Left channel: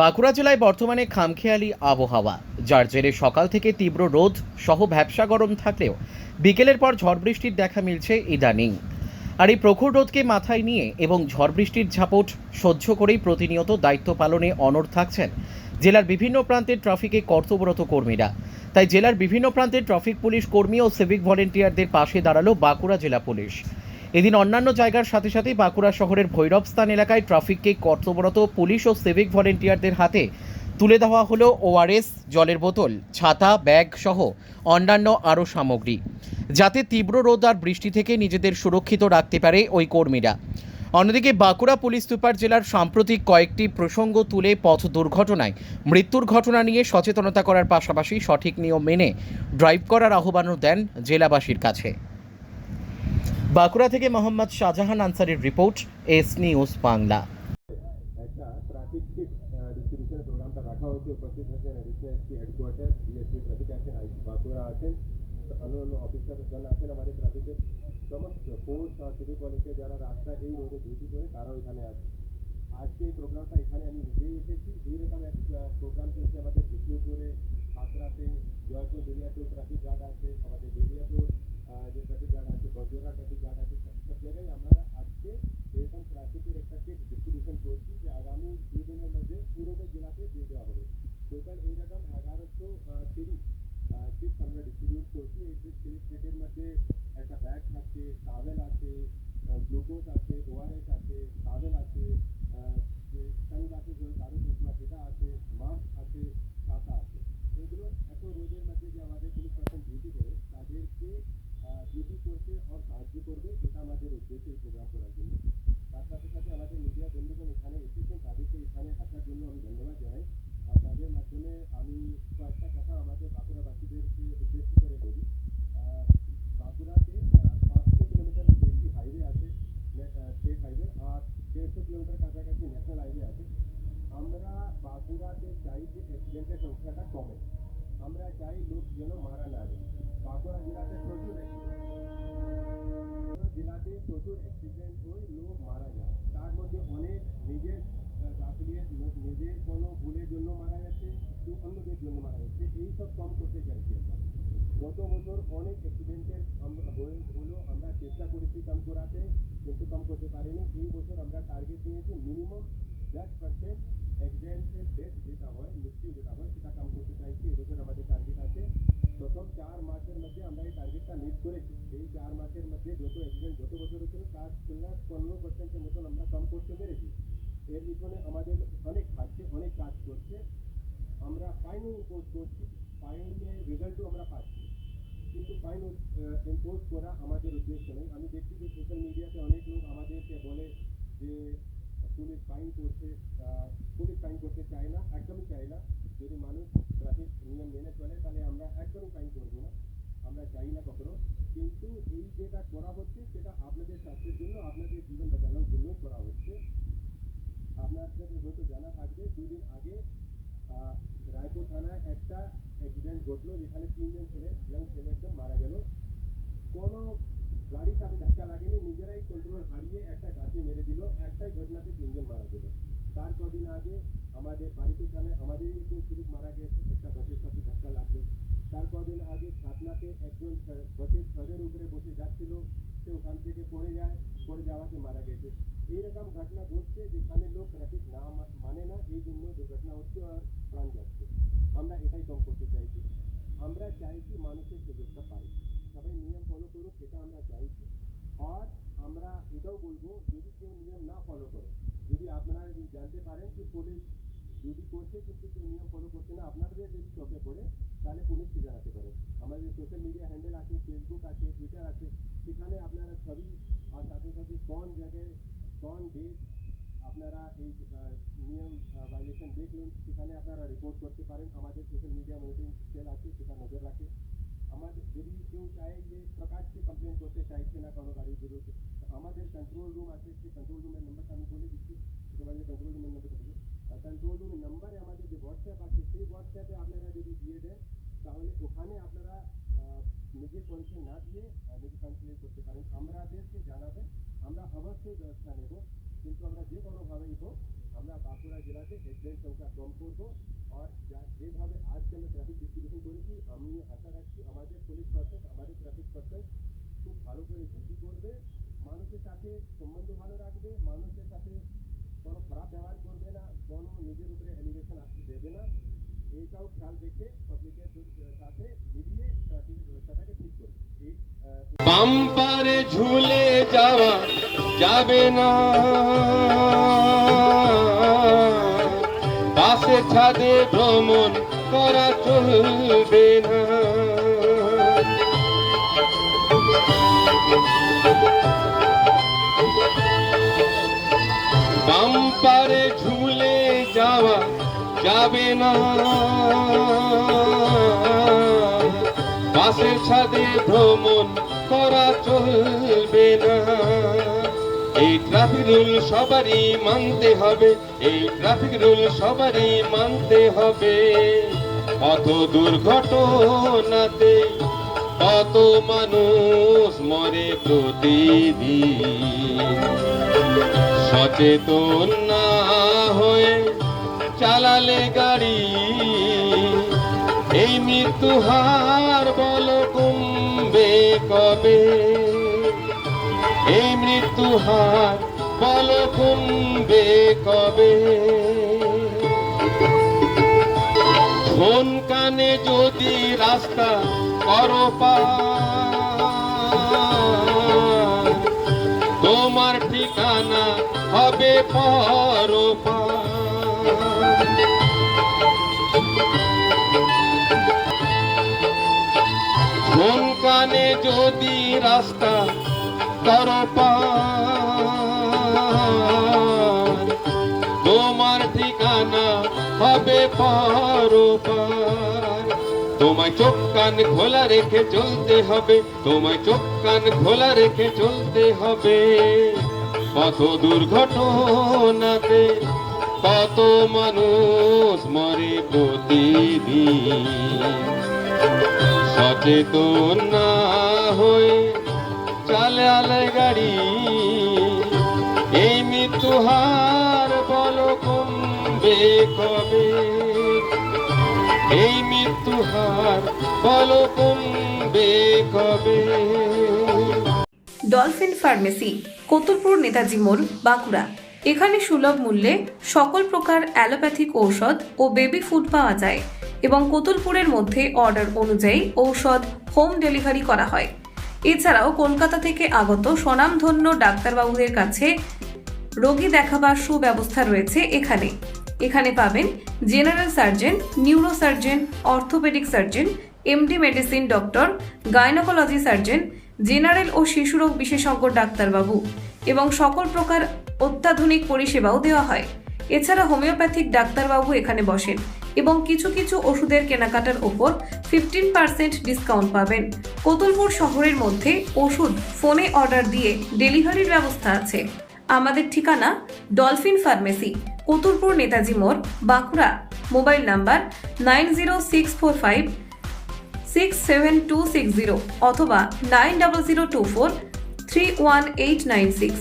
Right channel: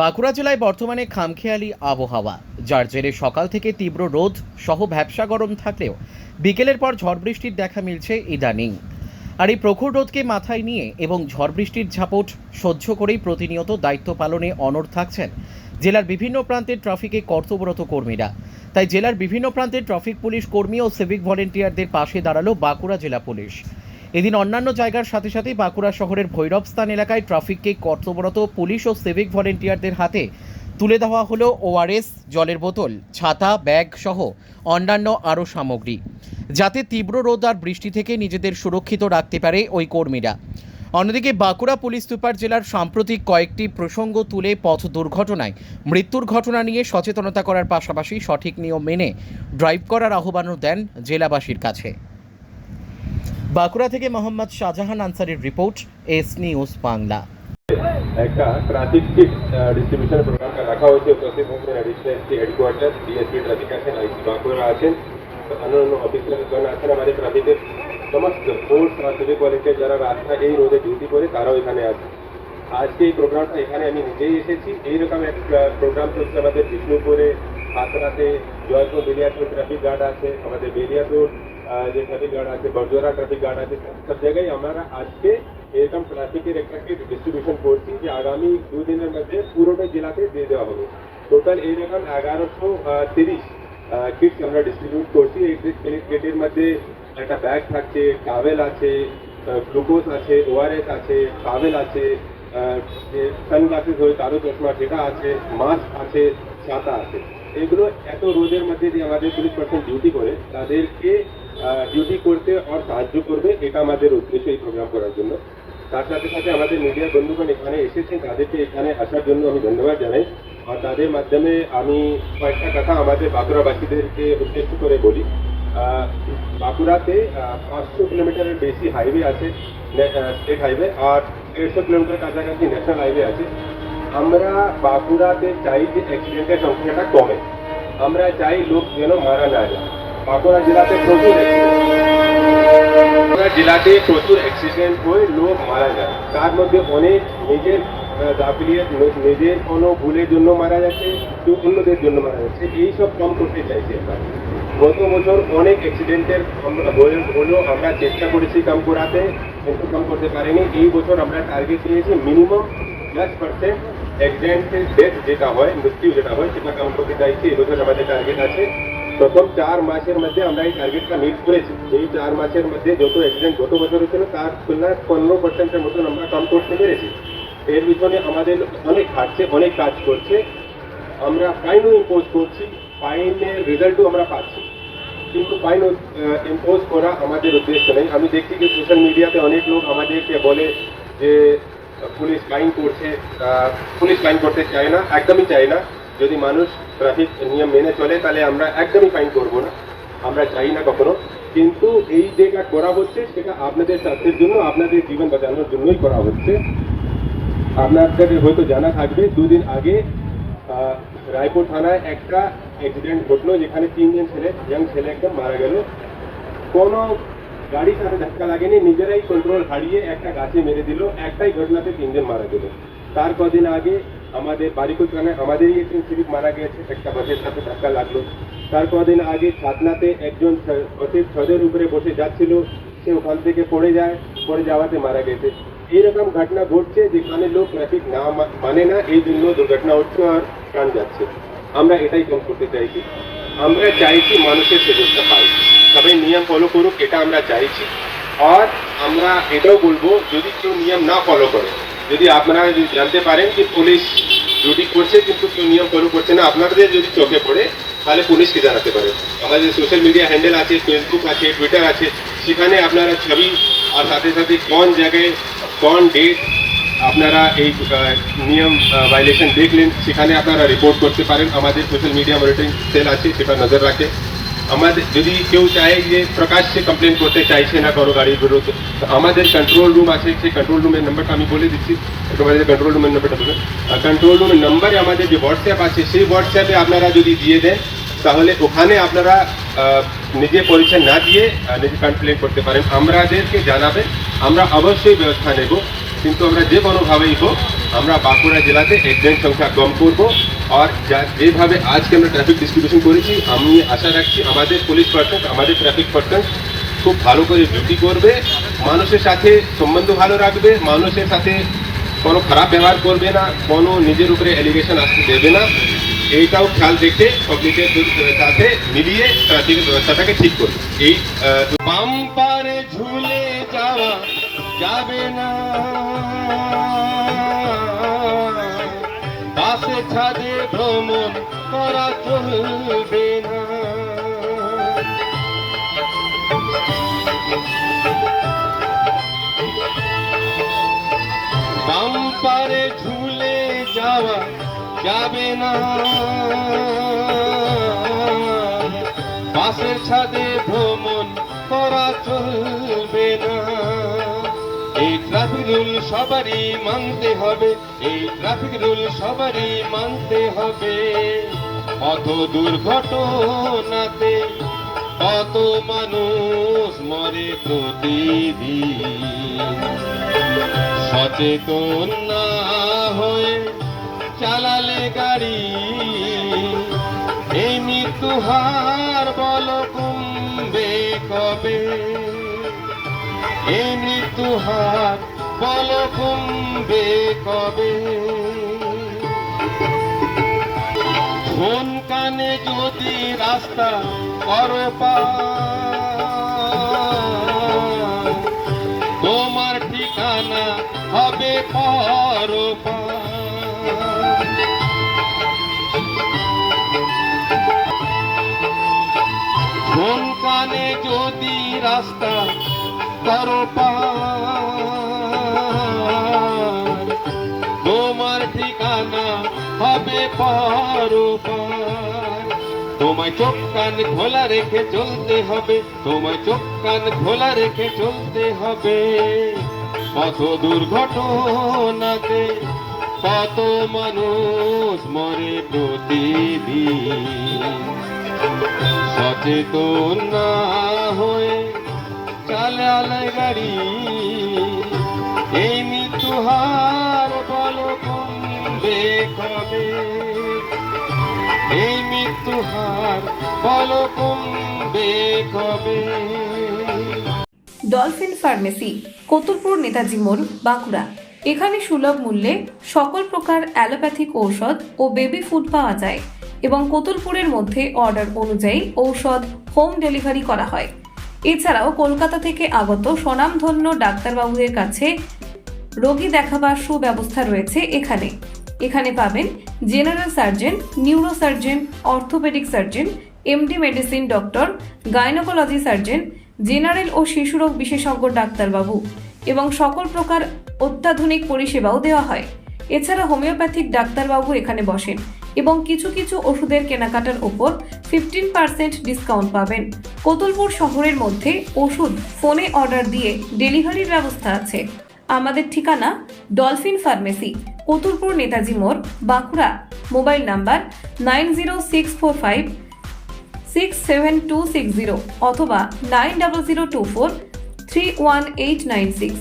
বাঁকুড়া জেলায় বর্তমানে খামখেয়ালি আবহাওয়া। যার জেরে সকাল থেকে তীব্র রোদ সহ ভ্যাবসা গরম থাকলেও বিকেলের পর ঝড় বৃষ্টির দেখা মিলছে ইদানিং। আর এই প্রখর রোদকে মাথায় নিয়ে এবং ঝড় বৃষ্টির ঝাপট সহ্য করেই প্রতিনিয়ত দায়িত্ব পালনে অনড় থাকছেন জেলার বিভিন্ন প্রান্তের ট্রাফিকে কর্তব্যরত কর্মীরা। তাই জেলার বিভিন্ন প্রান্তের ট্রাফিক পুলিশ কর্মী ও সিভিক ভলেন্টিয়ারদের পাশে দাঁড়াল বাঁকুড়া জেলা পুলিশ। এদিন অন্যান্য জায়গার সাথে সাথে বাঁকুড়া শহরের ভৈরবস্থান এলাকায় ট্রাফিককে কর্তব্যরত পুলিশ ও সিভিক ভলেন্টিয়ারদের হাতে তুলে দেওয়া হলো ওআরএস জলের বোতল, ছাতা, ব্যাগ সহ অন্যান্য আরও সামগ্রী। যাতে তীব্র রোদ আর বৃষ্টি থেকে নিজেদের সুরক্ষিত রাখতে পারে ওই কর্মীরা। অন্যদিকে বাঁকুড়া পুলিশ সুপার জেলার সাম্প্রতিক কয়েকটি প্রসঙ্গ তুলে পথ দুর্ঘটনায় মৃত্যুর ঘটনা নিয়ে সচেতনতা করার পাশাপাশি সঠিক নিয়ম মেনে ড্রাইভ করার আহ্বানও দেন জেলাবাসীর কাছে। বাঁকুড়া থেকে মোহাম্মদ শাহজাহান আনসারির রিপোর্ট এস নিউজ বাংলা। একটা ট্রাফিক ডিস্ট্রিবিউশন প্রোগ্রাম রাখা হয়েছে উপস্থিত হচ্ছেন additional SP headquarter DSP traffic আছেন আইসি বাঁকুড়া আছেন অন্যান্য অফিসারগণ আছেন আমাদের ট্রাফিকের সমস্ত ফোর্স আর সিভিক ভলেন্টিয়ার যারা রাস্তা এই রোডে ডিউটি করে তারাও এখানে আছে। আজকে এই প্রোগ্রামটা এখানে আমি নিজেই এসেছি। এইরকম এক প্রোগ্রাম চলছে আমাদের বিষ্ণুপুরে হাতরাতে জয়পুর বেলিয়াপুর ট্রাফিক গার্ড আছে আমাদের বেলিয়াপুর আহ, যে ট্রাফিক গার্ড আছে বড়জোড়া ট্রাফিক গার্ড আছে সব জায়গায় আমরা আজকে এরকম ট্রাফিকের একটা ডিস্ট্রিবিউশন করছি যে আগামী দুদিনের মধ্যে পুরোটা জেলাতে দিয়ে দেওয়া হবে টোটাল এইরকম এগারোশো তিরিশ কিটস আমরা ডিস্ট্রিবিউট করছি এই কিটের মধ্যে একটা ব্যাগ থাকছে টাওয়েল আছে গ্লুকোজ আছে ওআরএস আছে টাওয়েল আছে সানগ্লাসেস হয় তারও চশমা সেটা আছে মাস্ক আছে ছাতা আছে এগুলো এত রোদের মধ্যে যে আমাদের পুলিশ পার্সন ডিউটি করে তাদেরকে ডিউটি করতে আর সাহায্য করবে, এটা আমাদের উদ্দেশ্য এই প্রোগ্রাম করার জন্য। তার সাথে সাথে আমাদের মিডিয়া বন্ধুগণ এখানে এসেছেন, তাদেরকে এখানে আসার জন্য আমি ধন্যবাদ জানাই। আর তাদের মাধ্যমে আমি কয়েকটা কথা আমাদের বাঁকুড়াবাসীদেরকে উদ্দেশ্য করে বলি। বাঁকুড়াতে পাঁচশো কিলোমিটারের বেশি হাইওয়ে আছে স্টেট হাইওয়ে আর দেড়শো কিলোমিটার কাছাকাছি ন্যাশনাল হাইওয়ে আছে। আমরা বাঁকুড়াতে চাই যে অ্যাক্সিডেন্টের সংখ্যাটা কমে। আমরা চাই লোক যেন মারা না যায়। বাঁকুড়া জেলাতে প্রচুর বাঁকুড়া জেলাতে প্রচুর অ্যাক্সিডেন্ট হয়ে লোক মারা যায়। তার মধ্যে অনেক নিজের গাফিলিয়াত নিজের কোনো ভুলের জন্য মারা যাচ্ছে কেউ অন্যদের জন্য মারা যাচ্ছে। এইসব কম করতে চাইছি গত বছর অনেক অ্যাক্সিডেন্টের হলেও আমরা চেষ্টা করেছি কম করাতে কিন্তু কম করতে পারিনি। এই বছর আমরা টার্গেট নিয়েছি মিনিমাম দশ পার্সেন্ট অ্যাক্সিডেন্টের ডেথ যেটা হয়, মৃত্যু যেটা হয়, সেটা কম করতে চাইছি এবছর আমাদের টার্গেট আছে প্রথম চার মাসের মধ্যে আমরা এই টার্গেটটা মিট করেছি। এই চার মাসের মধ্যে যত অ্যাক্সিডেন্ট গত বছর হয়েছিল তার তুলনায় পনেরো পার্সেন্টের মতন আমরা কম করতে পেরেছি। এর পিছনে আমাদের অনেক খাটছে অনেক কাজ করছে। আমরা ফাইনও ইম্পোজ করছি ফাইনের রেজাল্টও আমরা পাচ্ছি। কিন্তু ফাইন ইম্পোজ করা আমাদের উদ্দেশ্য নেই। আমি দেখছি যে সোশ্যাল মিডিয়াতে অনেক লোক আমাদেরকে বলে যে, পুলিশ ফাইন করছে পুলিশ ফাইন করতে চায় না, একদমই চায় না। যদি মানুষ ট্রাফিক নিয়ম মেনে চলে, তাহলে আমরা একদমই ফাইন করব না। আমরা চাই না কখনো। কিন্তু এই যেটা করা হচ্ছে, সেটা আপনাদের স্বাস্থ্যের জন্য, আপনাদের জীবন বাঁচানোর জন্যই করা হচ্ছে। আপনাদের হয়তো জানা থাকবে, দুদিন আগে রায়পুর থানায় একটা অ্যাক্সিডেন্ট ঘটলো, যেখানে তিনজন ছেলে ইয়াং ছেলে একদম মারা গেল। কোনো গাড়ির সাথে ধাক্কা লাগেনি, নিজেরাই কন্ট্রোল হারিয়ে একটা গাছে মেরে দিল, একটাই ঘটনাতে তিনজন মারা গেল। তার কদিন আগে আমাদের বারিকুল থানায় আমাদেরই একজন সিভিক মারা গেছে একটা বাসের সাথে ধাক্কা লাগল। তার কদিন আগে ছাতনাতে একজন বাসের ছদের উপরে বসে যাচ্ছিল, সে ওখান থেকে পড়ে যায়, পড়ে যাওয়াতে মারা গেছে। এইরকম ঘটনা ঘটছে যেখানে লোক ট্রাফিক না মানে না, এই জন্য দুর্ঘটনা হচ্ছে আর প্রাণ যাচ্ছে। আমরা এটাই কম করতে চাইছি। আমরা চাইছি মানুষের সুযোগটা পাই। সবাই নিয়ম ফলো করুক, এটা আমরা চাইছি। আর আমরা এটাও বলব, যদি কেউ নিয়ম না ফলো করে যদি আপনারা যদি জানতে পারেন যে পুলিশ ডিউটি করছে, কিন্তু কেউ নিয়ম ফলো করছে না, আপনাদের যদি চোখে পড়ে, তাহলে পুলিশকে জানাতে পারেন আমাদের সোশ্যাল মিডিয়া হ্যান্ডেল আছে ফেসবুক আছে টুইটার আছে, সেখানে আপনারা ছবি আর সাথে সাথে কোন জায়গায়, কোন ডেট আপনারা এই নিয়ম ভাইলেশন দেখলেন, সেখানে আপনারা রিপোর্ট করতে পারেন। আমাদের সোশ্যাল মিডিয়া মনিটরিং সেল আছে, সেটা নজর রাখে। আমাদের যদি কেউ চায় যে প্রকাশ্যে কমপ্লেন করতে চাইছে না কোনো গাড়ির বিরুদ্ধে তো আমাদের কন্ট্রোল রুম আছে সেই কন্ট্রোল রুমের নাম্বারটা আমি বলে দিচ্ছি একটু আমাদের কন্ট্রোল রুমের নাম্বারটা বলুন কন্ট্রোল রুমের নাম্বারে আমাদের যে হোয়াটসঅ্যাপ আছে সেই হোয়াটসঅ্যাপে আপনারা যদি দিয়ে দেন তাহলে ওখানে আপনারা আহ, নিজে পরিচয় না দিয়ে আহ, নিজে কমপ্লেন করতে পারেন আমাদেরকে জানাবেন আমরা অবশ্যই ব্যবস্থা নেব কিন্তু আমরা যে কোনোভাবেই হোক, আমরা বাঁকুড়া জেলাতে অ্যাক্সিডেন্ট সংখ্যা কম করব। আর যা, যেভাবে আজকে আমরা ট্রাফিক ডিস্ট্রিবিউশন করেছি, আমি আশা রাখছি আমাদের পুলিশ পার্সন আমাদের ট্রাফিক পার্সন খুব ভালো করে ডিউটি করবে, মানুষের সাথে সম্বন্ধ ভালো রাখবে, মানুষের সাথে কোনো খারাপ ব্যবহার করবে না, কোনো নিজের উপরে অ্যালিগেশন আসতে দেবে না। এইটাও খেয়াল রেখে পাবলিকের সাথে মিলিয়ে ট্রাফিকের ব্যবস্থাটাকে ঠিক করবে। এই বাম্পারে ঝুলে যাওয়া যাবে না। পাশে ছাদে ভ্রমণ করা চলবে না। বাম্পারে ঝুলে যাওয়া যাবে না। পাশের ছাদে ভ্রমণ করা চলবে না। ট্রাফিক রুল সবারই মানতে হবে। এই ট্রাফিক রুল সবারই মানতে হবে। কত দুর্ঘটনাতে কত মানুষ মরে প্রতিদিন। সচেতন না হয়ে চালালে গাড়ি। এই মৃত্যু হার বল কমবে কবে? এই মৃত্যু হার বল কমবে কবে? ফোন কানে যদি রাস্তা করো পার, তোমার ঠিকানা হবে পরপার। কোন কানে যদি রাস্তা তোমার ঠিকানা হবে পরপার। তোমায় চোখ কান খোলা রেখে চলতে হবে, তোমায় চোখ কান খোলা রেখে চলতে হবে। কত দুর্ঘটনাতে কত মানুষ মরে প্রতিদিন। সচেতন না হয়ে গাড়ি। এই কমবে কবে? এই কমবে কবে? ডলফিন ফার্মেসি, কতুলপুর নেতাজি মোড়, বাঁকুড়া। এখানে সুলভ মূল্যে সকল প্রকার অ্যালোপ্যাথিক ঔষধ ও বেবি ফুড পাওয়া যায় এবং কতুলপুরের মধ্যে অর্ডার অনুযায়ী ঔষধ হোম ডেলিভারি করা হয়। এছাড়াও কলকাতা থেকে আগত স্বনামধন্য ডাক্তারবাবুদের কাছে রোগী দেখাবার সুব্যবস্থা রয়েছে এখানে। এখানে পাবেন general surgeon neuro surgeon orthopaedic surgeon, MD medicine doctor, gynaecology surgeon, general ও শিশুরোগ বিশেষজ্ঞ ডাক্তারবাবু এবং সকল প্রকার অত্যাধুনিক পরিষেবাও দেওয়া হয়। এছাড়া হোমিওপ্যাথিক ডাক্তারবাবু এখানে বসেন এবং কিছু কিছু ওষুধের কেনাকাটার ওপর ফিফটিন পার্সেন্ট ডিসকাউন্ট পাবেন। কতুলপুর শহরের মধ্যে ওষুধ, ফোনে অর্ডার দিয়ে ডেলিভারির ব্যবস্থা আছে। আমাদের ঠিকানা ডলফিন ফার্মেসি, কতুলপুর নেতাজি মোড়, Bankura. Mobile number nine zero six four five six seven two six zero অথবা nine double zero two four three one eight nine six